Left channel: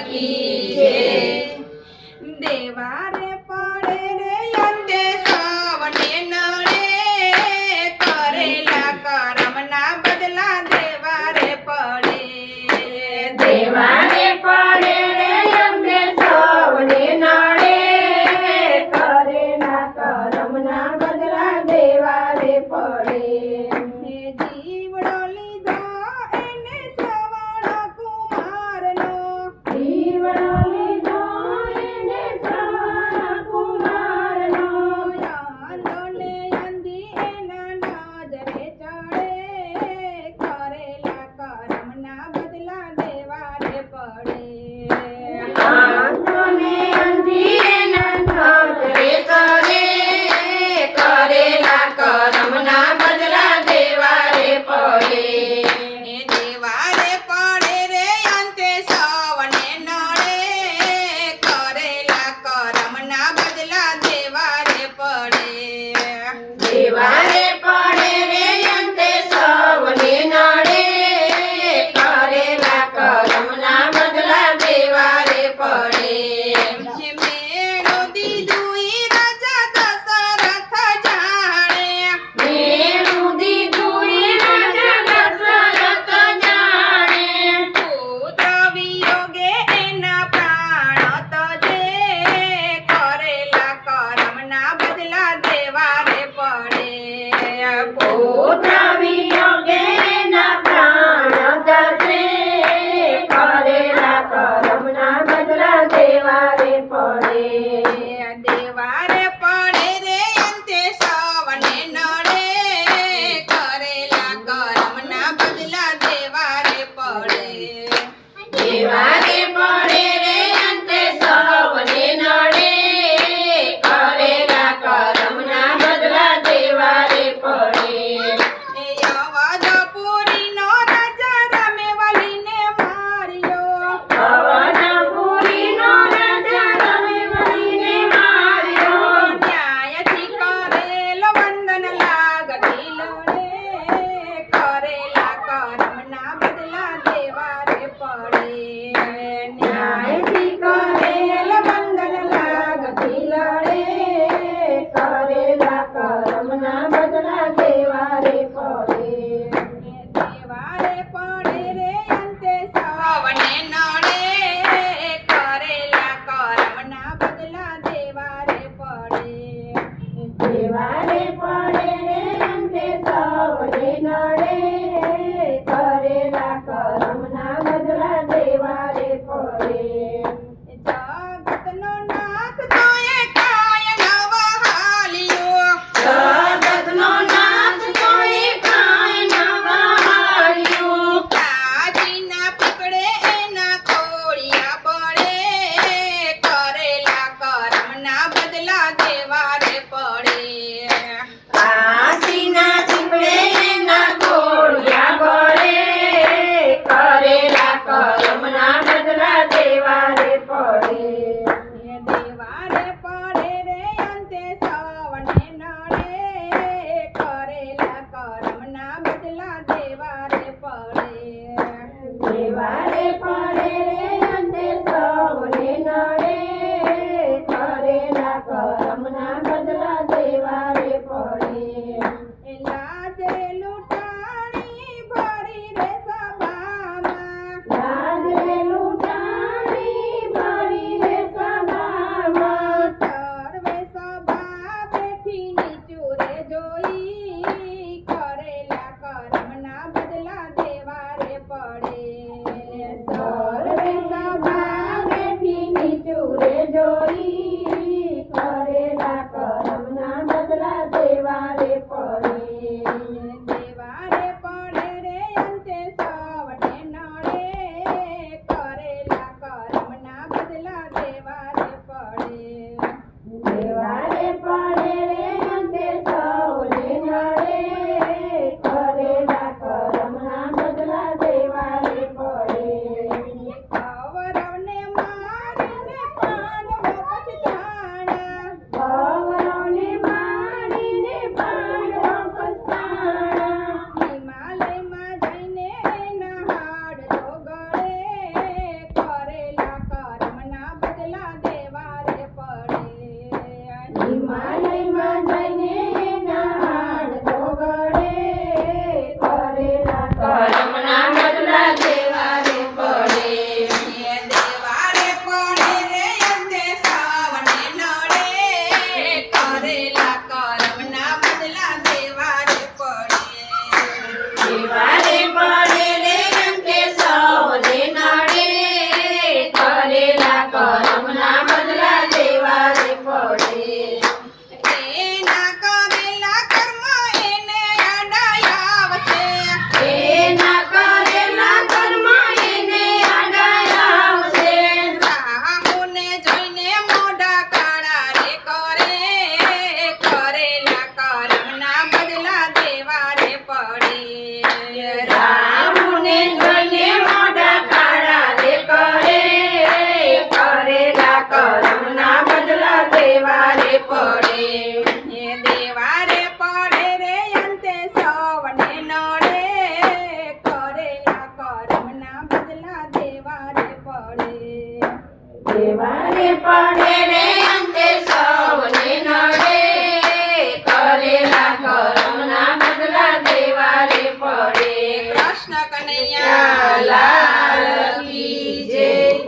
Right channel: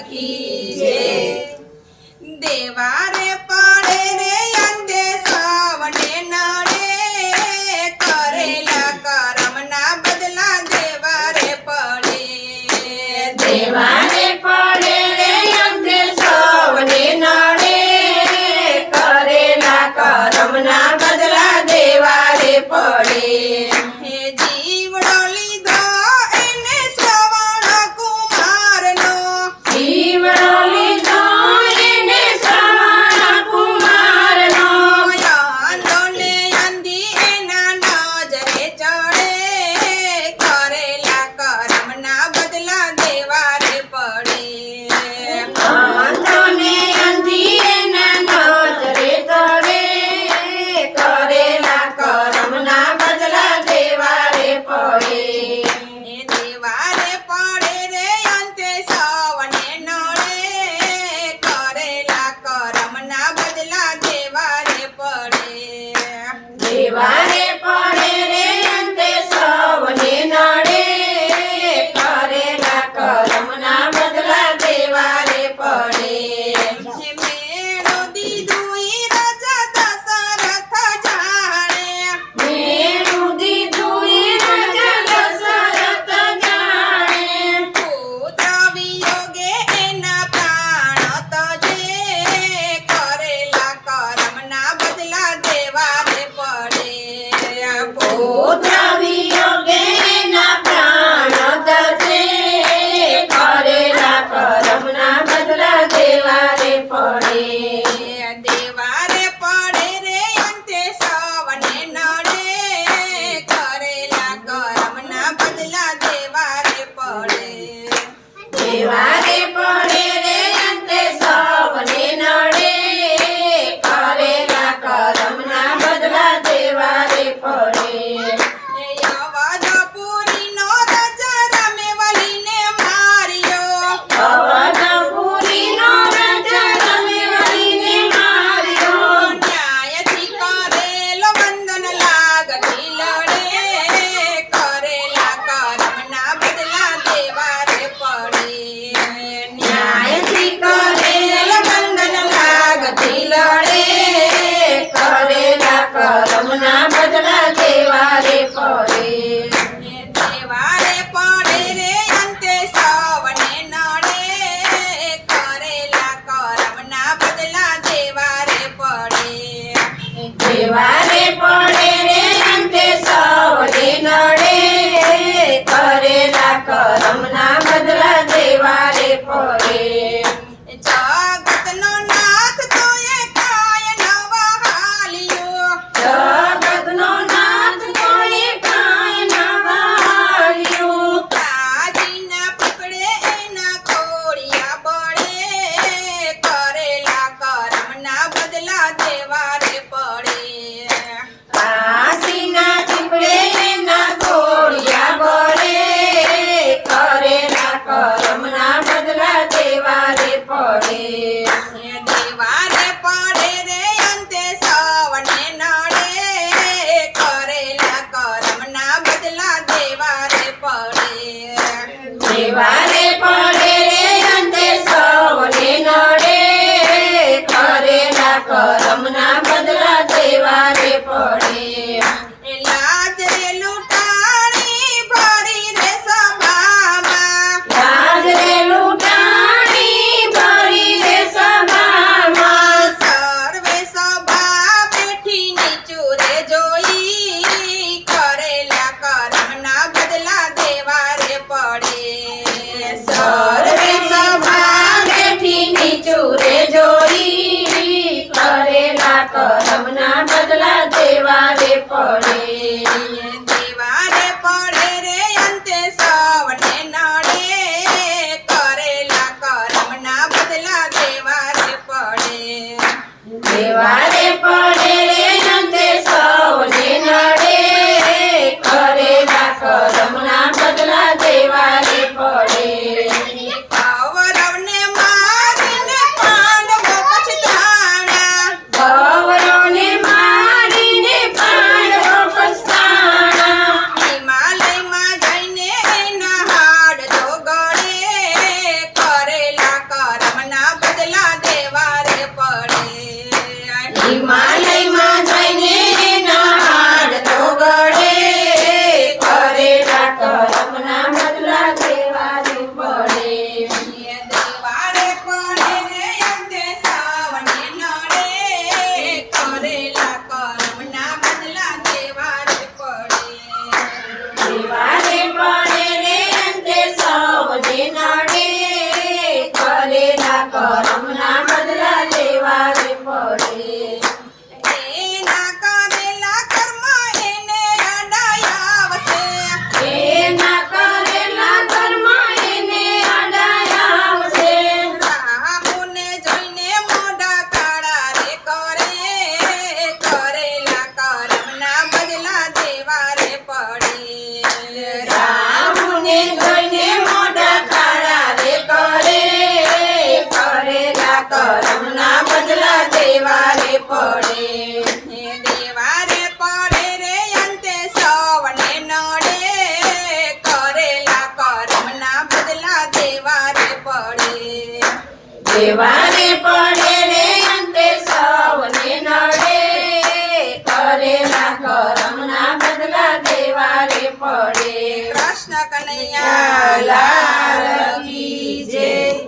કી પડે રે અંતે સાવને નડે કરેલા કરમના બદલા દેવા રે પડે. દેવા otra. vai. કરમના બદલા દેવા પડે. દેવા રે પડે રે અંતે સવને નડે. કરેલા કરમના બદલા દેવારે પડે રે અંતે સૌને નડે. કરેલા કર્મના બદલા દેવારે પડે. દેવાને પડે